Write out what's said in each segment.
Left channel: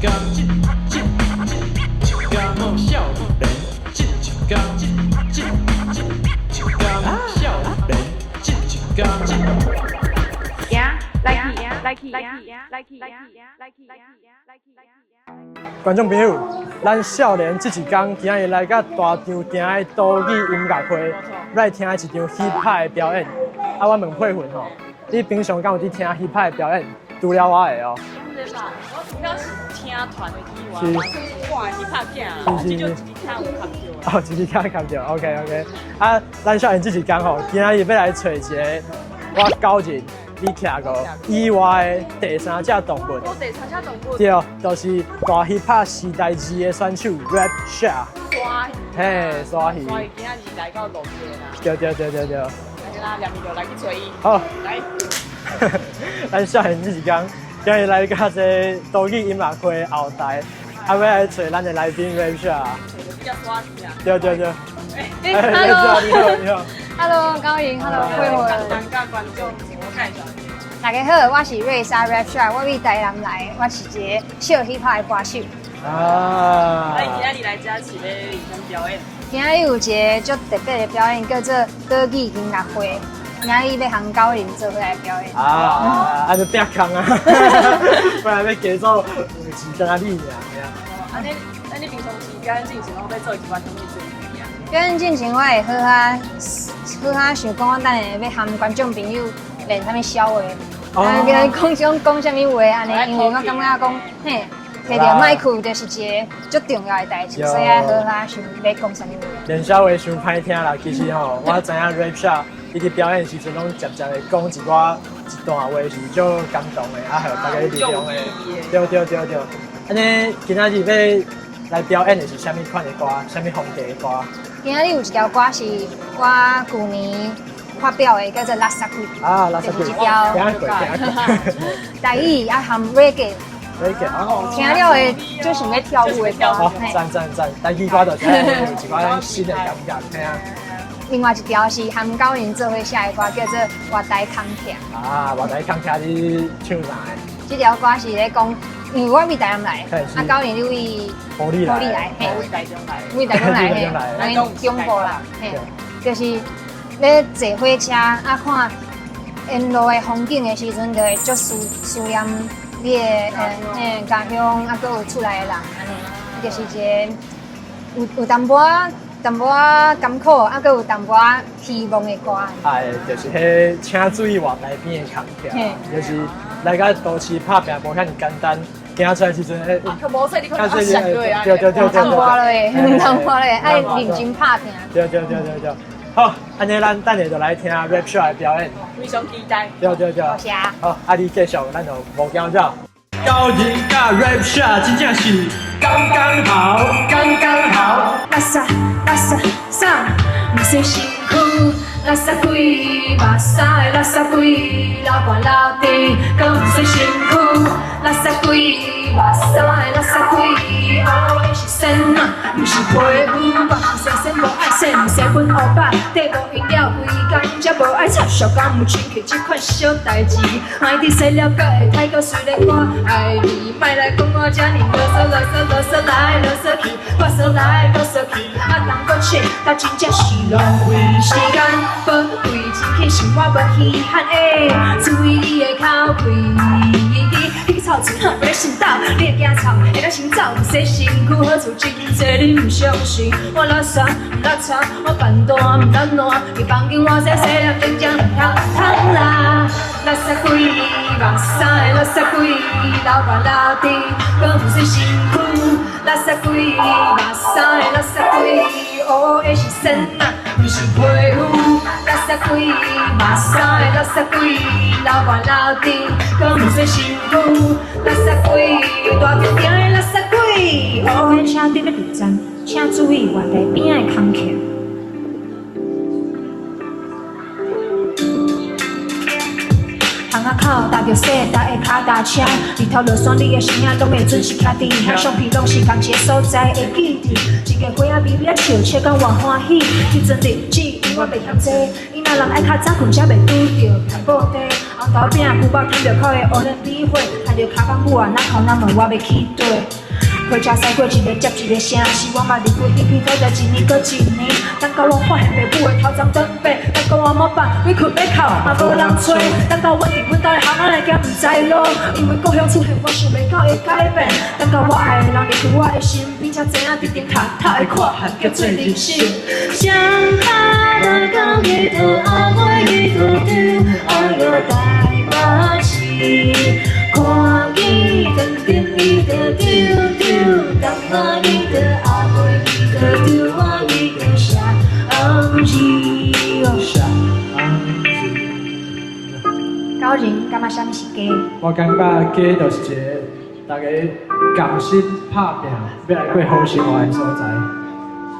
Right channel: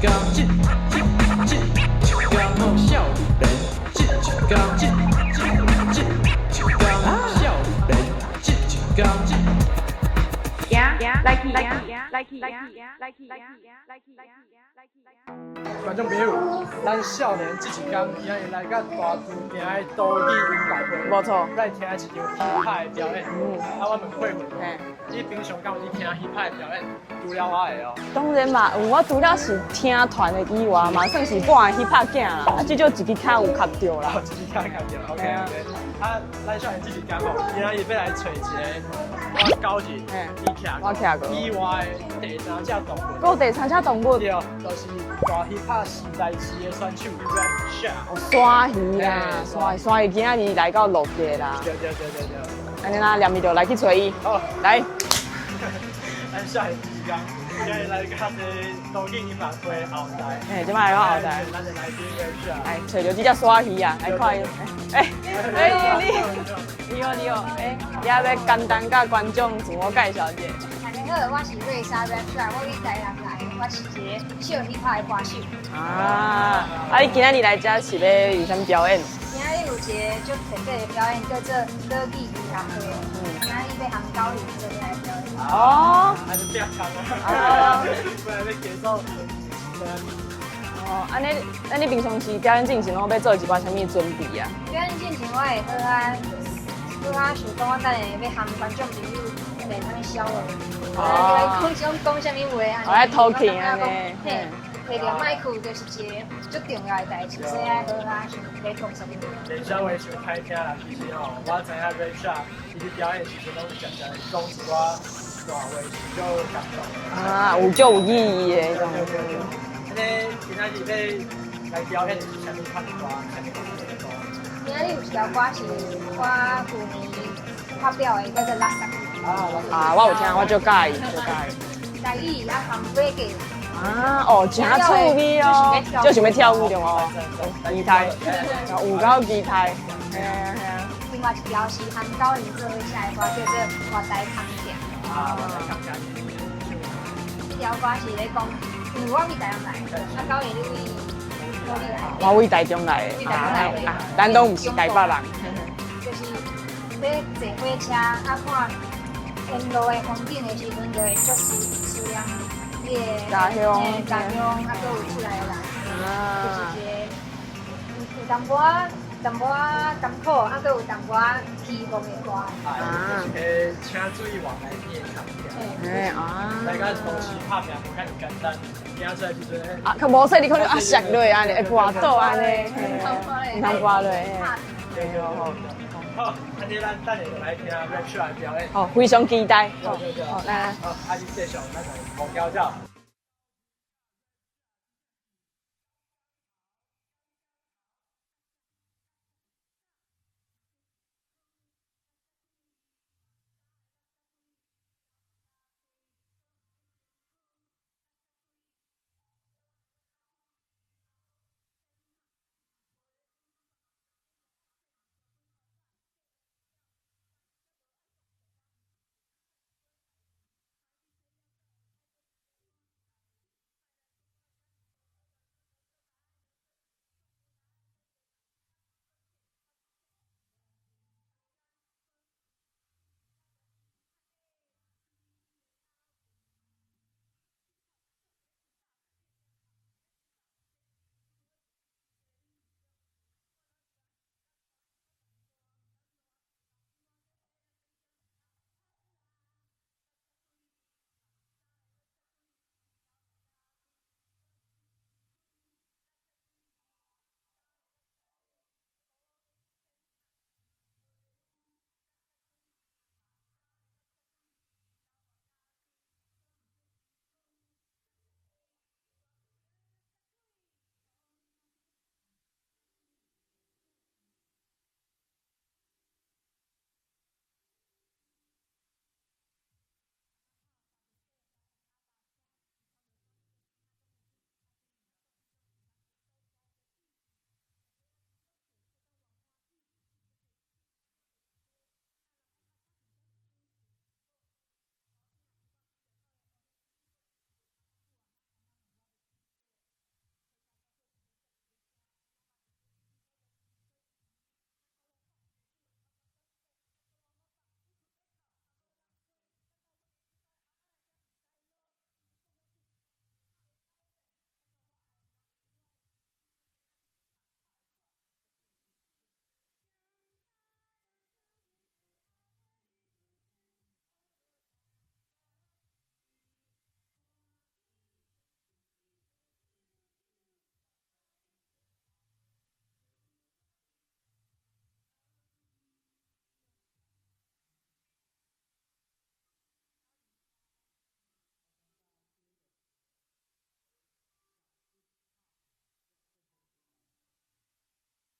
天，一天莫少年，一天，一天莫少年，一天。观众朋友，咱少年这一天，今日来到大场行的岛语音乐会，没错，来听一场 hip hop 的表演。啊，我问慧慧吼，你平常敢有伫听 hip hop 的表演？除了我的哦。当然嘛，我除了是听团的以外，嘛算是半个 hiphop 囝啊，这就一支卡有卡着啦。哦，一支卡卡着 ，OK。啊，咱少年这一天吼，今日要来找一个我高人，伊徛过意外的第三只动物。我第三只动物。对，就是大 hiphop 时代二的选手 Rap Sha。山鱼啊，山鱼今日来到落地啦。对。安尼啦，连咪就来去找伊。好，来。咱少年这一天，今日来到这岛语音乐会后台，还要来找咱的来宾 Rap Sha。找到这只山鱼啊。对。哎，你好。 Hello， 高云 ，Hello， 要简单甲观众自我介绍一下。大家好，我是瑞莎 Rap Sha， 我为台南来，我是一个小 hiphop 的歌手。你今日来这是要有啥表演？今日有一个足特别的表演，叫做岛语音乐会。今日要和高林做伙来表演。啊，就变空啊，不然要加做是在哪里呀？那你平常时表演进行拢要做一寡什么准备啊？表演进前我会好想讲，我等下要和观众朋友练什么笑话，讲什么话安尼，因为我感觉讲，嘿，摕到麦克就是一个足重要的代志，所以好想要讲什么话。练笑话伤歹听啦，其实吼，我知影 Rap Sha 伊伫表演时阵拢渐渐的讲一段话是足感动的，啊，有足有意义的。对。安尼今仔日要来表演的是啥物款的歌，啥物风格的歌？今仔日有一条歌是我去年发表的，叫做《拉萨龟》。啊，拉萨龟，我就改。台语也含 reggae。哦，听了的就是要跳舞。赞，台语歌就舞蹈厉害。另外一条是和高林做伙写的歌，叫做《活台空徛》。啊，活台空徛你唱哪个？这条歌是咧讲，因为我为台南来，啊高林你为埔里来，我为台中来，为台中来，咱拢中部啦，就是要坐火车啊看沿路的风景的时阵，就会足思念你的家乡啊，搁有厝内的人，就是一个有淡薄甘苦，啊，搁有淡薄希望的歌。哎，就是迄请注意往来边的空徛，就是来到都市拍拼无遐尼简单，行出来时阵，较无说你看啊上落啊，唔通花咧，唔通花咧，爱认真拍拼。对。好，安尼咱等下就来听 Rap Sha 的表演。哦，非常期待。对。好，你继续，咱就无讲了。高人甲 Rap Sha 真正是刚刚好。拉萨萨，唔算辛苦。拉萨贵，目屎的拉萨贵，老寒老甜，更唔算辛苦。拉萨贵，目屎的拉萨贵，我的是神啊，唔是皮肤。生生无爱生，生分黑白，地无用了规工，才无爱插小工，有亲戚这款小代志，爱伫细了甲会太过，虽然我爱你，莫来讲我这呢啰嗦来啰嗦去，啰嗦来啰嗦去，啊人搁切，但真正是浪费时间，宝贵真气是我无稀罕的，注意你的口气。你臭钱不要心斗，你会惊臭，会当先走，唔使辛苦，好处真多你唔相信。我老傻唔老吵，我办大唔当烂，你放紧我细细粒真正唔通啦。垃圾鬼，目屎的垃圾鬼，老爸老弟，更唔算辛苦。垃圾鬼，目屎的垃圾鬼，我的是神啊，唔是皮肤。垃圾鬼，目屎的垃圾鬼，老爸老弟，更唔算辛苦。垃圾鬼，大条条的垃圾鬼，我的车顶咧地站，请注意外地边的空徛。巷仔口踏着细台的脚踏车，日头落山，你的声音拢会准时徛伫乡相片，拢是同一个所在的记忆。一个花仔微微笑，笑讲偌欢喜。迄阵日子我袂嫌济，伊若人爱较早困，才袂拄着大布袋。后豆饼，牛肉牵着烤的乌龙米花，看着卡邦母啊，哪空哪问我要去倒。火车驶过一个接一个城市，我嘛离开一片土地，一年过一年。等到我发现爸母的头鬃长白，等到我冇办，委屈要哭嘛无人找。等到我伫阮家的巷仔内行唔知路，因为故乡出现我想袂到的改变。等到我爱的人离开我的身边，才知影伫顶头头的看法叫做人生。想他的港里头，阿妹里头丢，爱个大马戏，看伊等等伊的丢丢，当我伊的阿妹伊的丢，我伊的下昂日下昂日。高人感觉啥物是假？我感觉假就是一个大家甘心拍拼，要来过好生活的所在。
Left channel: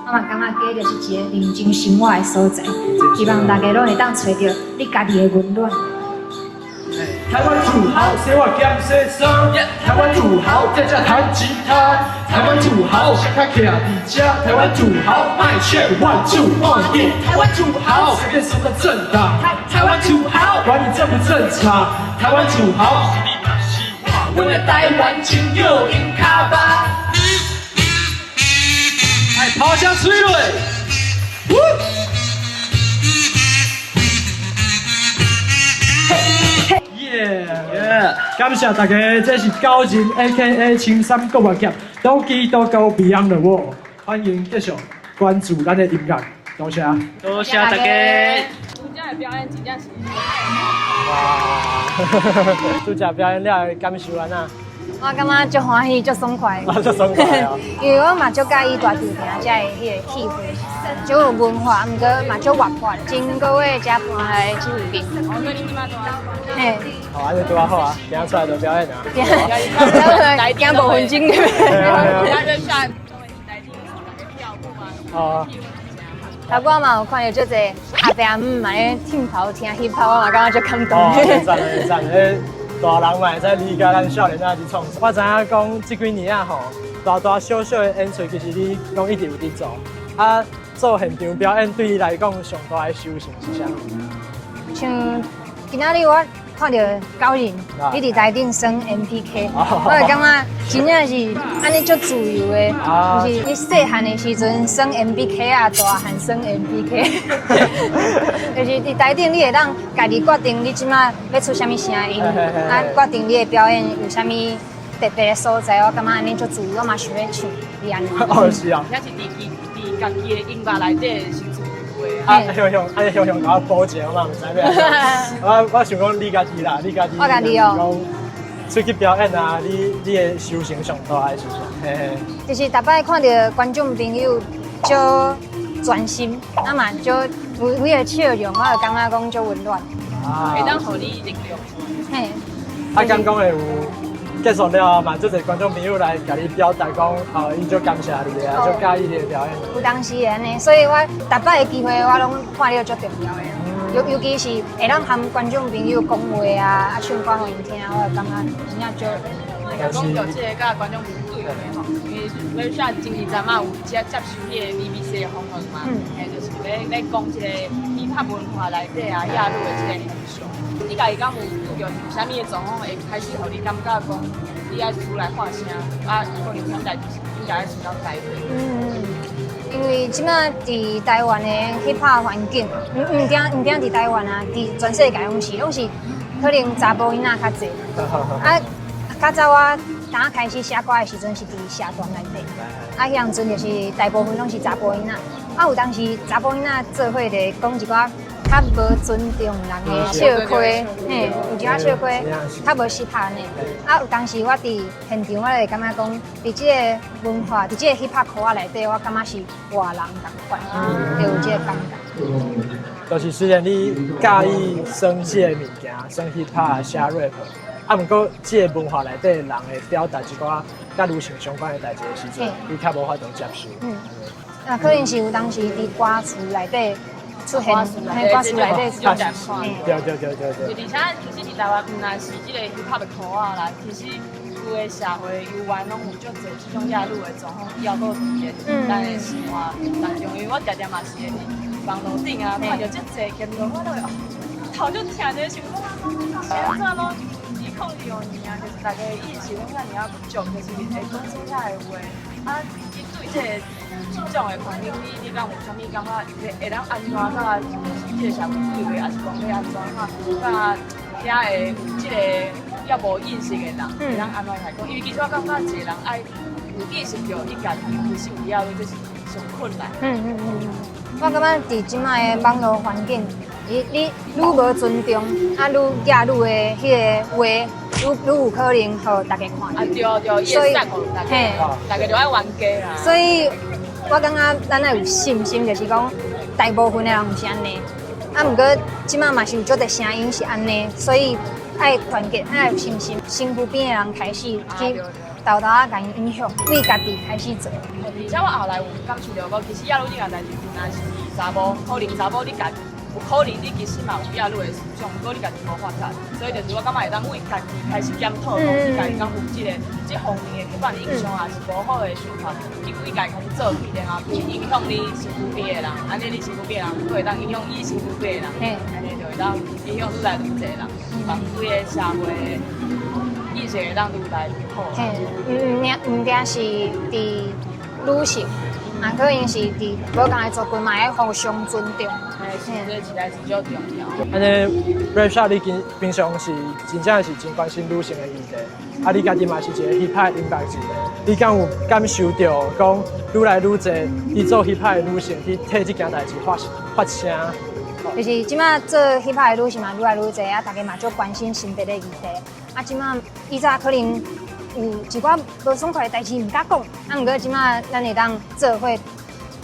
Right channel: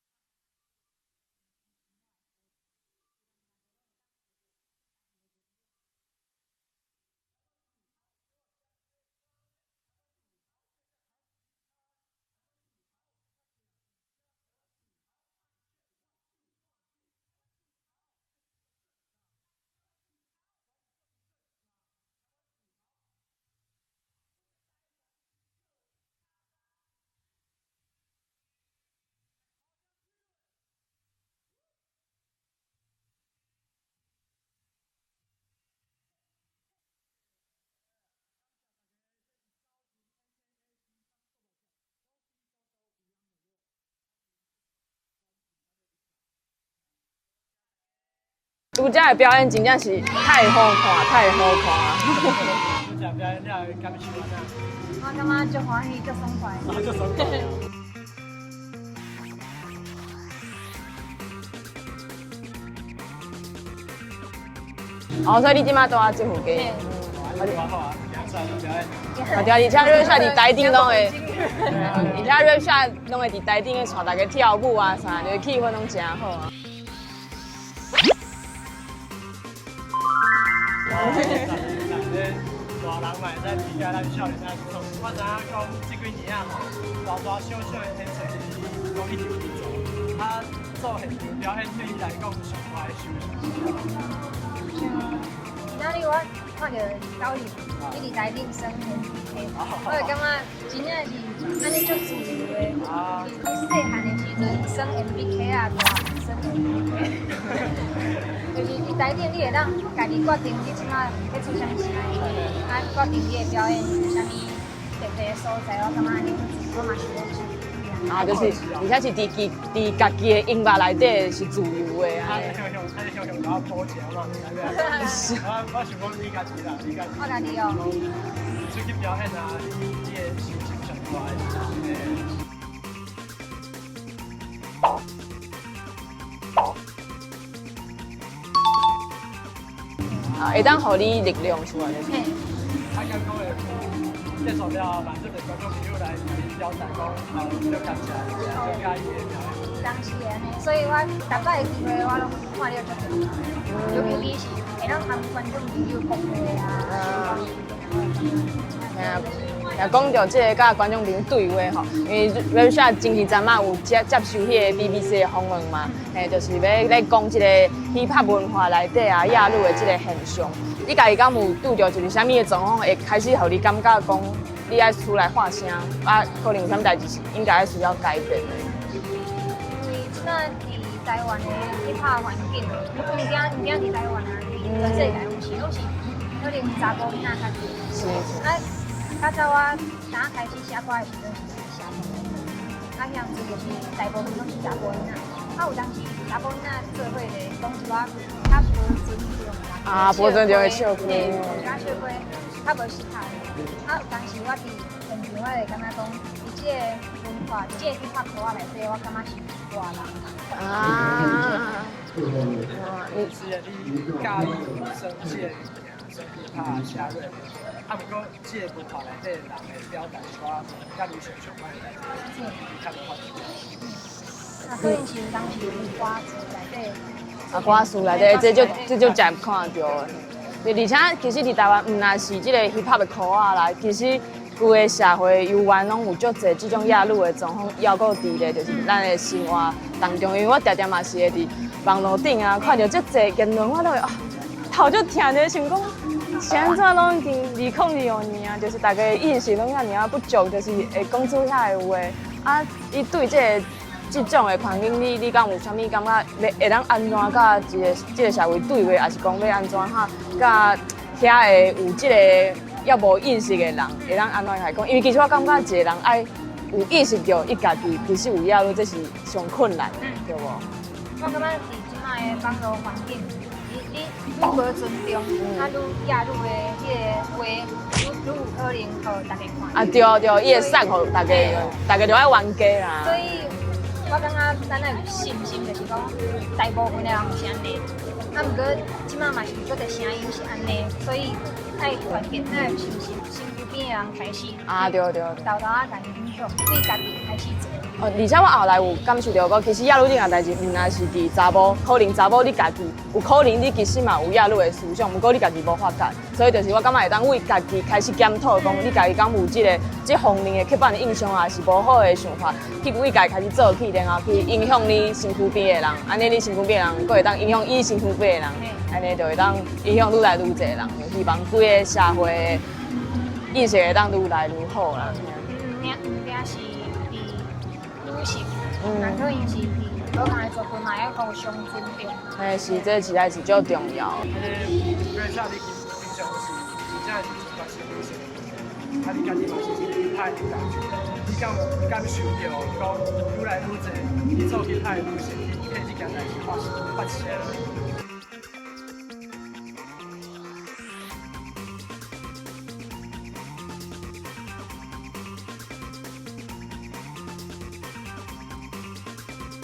我嘛感觉假就是一个认真生活的所在，希望大家拢会当找到你家己的温暖。台湾土豪，生活减细酸。台湾土豪，在这弹吉他。台湾土豪，想卡徛伫遮。台湾土豪，卖钱万住万业。台湾土豪，随便什么政党。台湾土豪，管你正不正常。台湾土豪，我的台湾真有赢卡吧。哎，炮声吹落。感谢大家，这是高人 A.K.A 青山国乐协，都基都高 Beyond the Wall， 欢迎继续关注咱的音乐，多谢。多谢大家。拄则的表演真正是太好看，太好看。拄则表演了，感受安那？我感觉足欢喜，足爽快。足爽快哦！因为我嘛足介意大地坪遮的迄个气氛，足有文化，毋过嘛足活泼，真各位遮搬来这附近。哦，所以你即摆住啊这附近。嘿，好，安尼拄啊好啊，今仔出来就表演啊。而且在台顶都会，经的。而且瑞下拢会伫台顶带大家跳舞啊啥，气氛拢真好啊。啊，我嘛有看到足侪阿伯阿姆嘛咧跳跑听 hip hop，我嘛感觉足感动。很赞很赞，大人嘛会使理解咱少年仔伫创。我知影讲这几年啊吼，大大小小的演出其实你拢一直有伫做。啊，做现场表演对你来讲上大的收成是啥？像今仔日我看到高人，伊伫台顶升 MPK， 我就感觉真正是安尼足自由的，就是你细汉的时阵升 MPK 啊，大汉升 MPK， 就是伫台顶你会当家己决定你即马要出啥物声音，啊，决定你的表演有啥物特别的所在，我感觉安尼足自由，我嘛想要唱，是安尼。哦，是啊。而且是伫家己的音乐内底是自由的。啊，向向甲我保证，我嘛唔知咩。我想讲你家己啦，你家己。我家己哦。出去表演啊，你的收成上大的是啥？嘿嘿。就是逐摆看到观众朋友足专心，啊嘛足为了笑容，我就感觉讲足温暖。会当互你力量出来。嘿。啊，刚讲的有。结束了后，嘛，足侪观众朋友来甲你表达讲，伊就感谢你啊，就介意你的表演。有当时安尼，所以我逐摆的机会我拢看了足重要的，尤其是会当和观众朋友讲话啊，唱歌互因听，我就感觉真正足。讲到这个甲观众朋友对话吼，因为阮下前几站嘛有接受迄个 BBC 的访问嘛，就是要来讲这个 hiphop 文化内底啊亚入的这个现象。你家己敢有拄着就是啥物的状况，会开始互你感觉讲你爱出来发声，啊，可能有啥代志应该需要改变。因为即摆伫台湾的 hiphop 环境，唔定伫台湾啊，伫全世界拢是可能查甫囡仔较侪，啊。较早我刚开始写歌的时阵是伫社团内底，啊，迄样阵就是大部分拢是查甫囡仔，啊，有当时查甫囡仔做伙就讲一寡较无尊重人的笑话，嘿，有一寡笑话较无适合呢。啊，有当时我伫现场，我就感觉讲，伫即个文化，伫即个 hiphop 课仔内底，我感觉是外人同款，会有即个感觉。就是虽然你介意生这个物件，生 hiphop 写 rap。啊，毋过，即个文化内底人会表达一寡甲女性相关的代志的时阵，你较无法度接受。啊，可能是有当时伫歌词内底出歌词内底，这就真看到。对。而且其实伫台湾，毋但是即个 hiphop 的课仔啦，其实有个社会游玩拢有足侪即种亚入的状况，还佫伫咧就是咱的生活当中。因为我常常嘛是会伫网络顶啊，看到足侪言论，我都会头就疼咧，想讲现在拢已经2002年啊，就是大家意识拢遐尔不足，就是会讲出遐个话。啊，伊对这种的环境，你敢有啥物感觉会当安怎甲这个社会对话，还是讲要安怎哈？甲遐个有这个要无意识的人，会当安怎来讲？因为其实我感觉一个人爱有意识到伊家己其实有压力，这是上困难。我感觉伫即卖的网络环境，你愈无尊重，啊愈亚愈的迄个话，愈有可能互大家看。啊对，伊会散互大家就爱冤家啦。所以我感觉咱要有信心，就是讲大部分的人是安尼。啊，毋过即卖嘛是有足侪声音是安尼，所以爱团结，爱有信心，身躯边的人开始去豆豆啊，甲伊影响，为家己开始做。而且我后来有感受到讲，其实亚女这件代志，原来是伫查某，可能查某你家己有可能你其实嘛有亚女的思想，不过你家己无发觉，所以就是我感觉会当为家己开始检讨，讲你家己敢有这方面的刻板的印象，还是无好的想法，去为家己开始做起，然后去影响你身躯边的人，安尼你身躯边的人，佫会当影响伊身躯边的人，安尼就会当影响愈来愈侪人，希望规个社会意识会当愈来愈好啦。毋定是伫女性，那可能是伫无共的族群嘛，要互相尊重。是，这实在是足重要。安尼 rap shop 你平常是真正是真关心女性的议题，啊，你家己嘛是一个 hip hop 音乐人，你敢有感受到讲愈来愈侪去做 hip hop 的女性去替这件代志发声？就是即马做 hip hop 的女性嘛，愈来愈侪啊，大家嘛足关心性别的议题。啊，即马以前可能有一寡无爽快的代志毋敢讲，啊，毋过即马咱会当做伙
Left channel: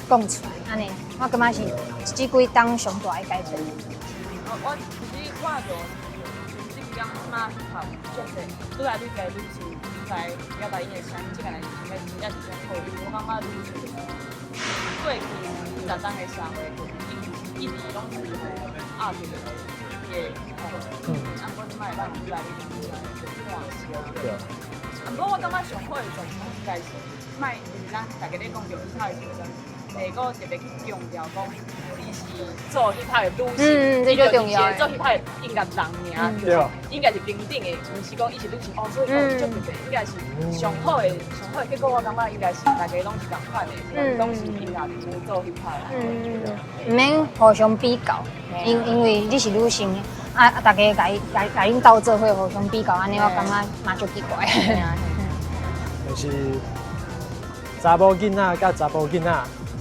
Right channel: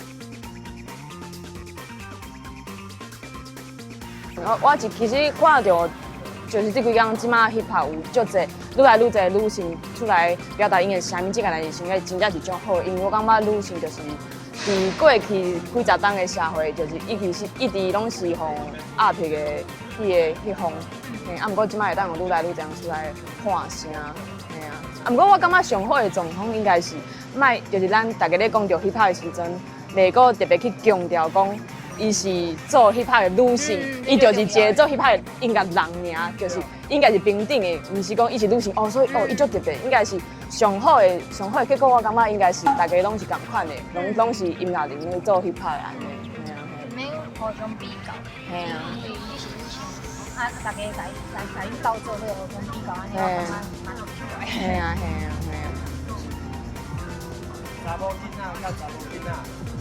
讲出来，安尼，我感觉是即几当上大的改变。我其实看到，就是这几天即马 hip hop 有足侪愈来愈侪女性出来表达因的声音，这个代志真正是足好，因为我感觉女性就是。伫过去几十年的社会，就是一直拢是互压迫的迄方，啊，毋过即摆会当愈来愈这样出来喊声，啊，毋过我感觉上好的状况应该是，卖就是咱大家咧讲到 hip hop 的时阵，袂个特别去强调讲，伊是做 hip hop 的女性，伊就是一个做 hip hop 的音乐人尔，就是应该是平等的，毋是讲伊是女性哦，所以伊足特别，应该是上好的结果，我感觉应该是大家拢是共款的，拢是音乐人做 hip hop 啦。毋免互相比较，因为你是女性，啊，大家甲恁斗做伙互相比较，安尼我感觉嘛足奇怪。就是查某囡仔甲查某囡仔，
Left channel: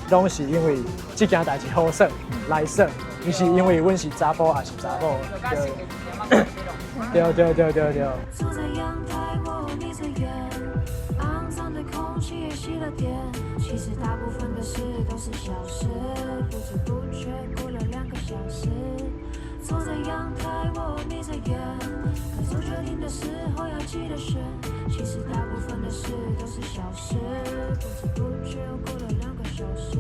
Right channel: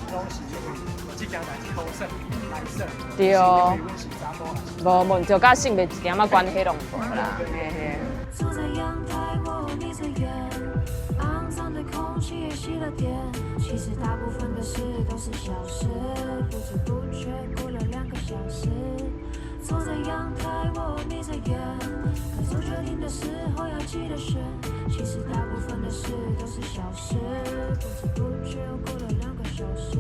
拢是因为这件代志好耍来耍，不是因为阮是查甫还是查某，就甲性别一点仔关系拢。对。坐在阳台，我眯着眼，肮脏的空气也熄了电。其实大部分的事都是小事，不知不觉过了2个小时。坐在阳台，我眯着眼，该做决定的时候要记得选。其实大部分的事都是小事，不知不觉过了2个小时。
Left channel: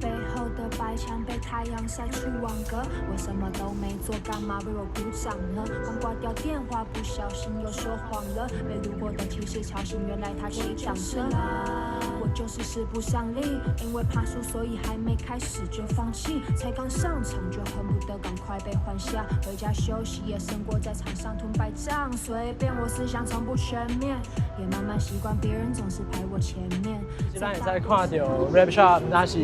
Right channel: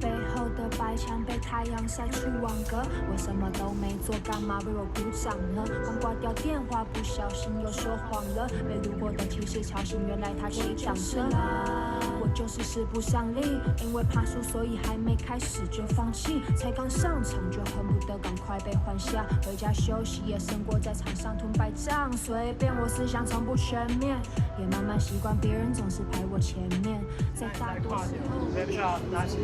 背后的白墙被太阳晒出网格，我什么都没做，干嘛为我鼓掌呢？刚挂掉电话，不小心又说谎了。被路过的骑士吵醒，原来他骑挡车。我就是使不上力，因为怕输，所以还没开始就放弃。才刚上场就恨不得赶快被换下，回家休息也胜过在场上吞败仗。随便我思想从不全面，也慢慢习惯别人总是排我前面。咱会使看到 rap shop 那是。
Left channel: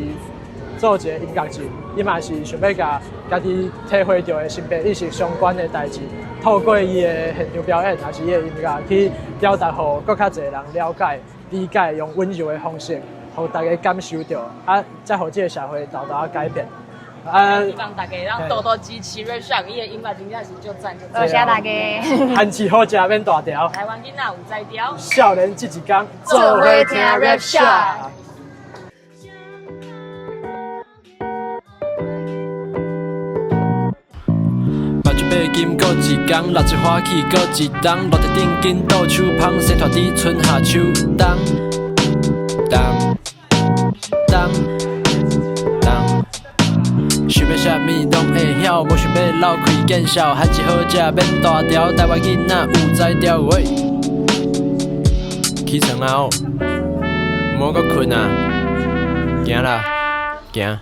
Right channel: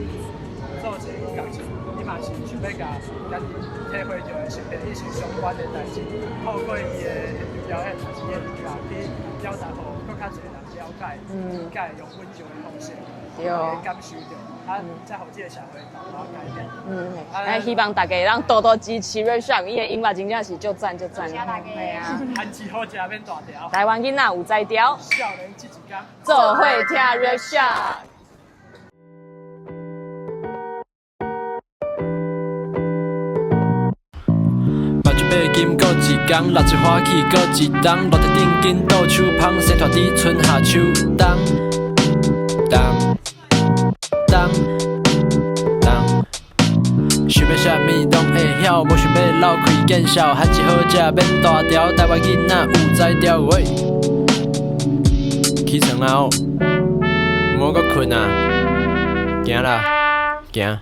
做一个音乐人，伊嘛是想要甲家己体会到的性别意识相关的代志，透过伊的现场表演，还是伊的音乐去表达，互更较侪人了解、理解，用温柔的方式，互大家感受到，啊，再互这个社会豆豆改变。希望大家让多多支持 rap shop， 伊的音乐真正是足赞。多谢大家。番薯好食免大条，台湾囡仔有才调，少年这一天做伙听 rap shop。八金过一工，六一花起过一冬，落地顶紧倒手芳，生拖伫春夏秋冬，想要啥物拢会晓，无想要流开见笑，番薯好食免大条，台湾囡仔有才调喂。起床啊哦，莫阁困啊，行啦，行。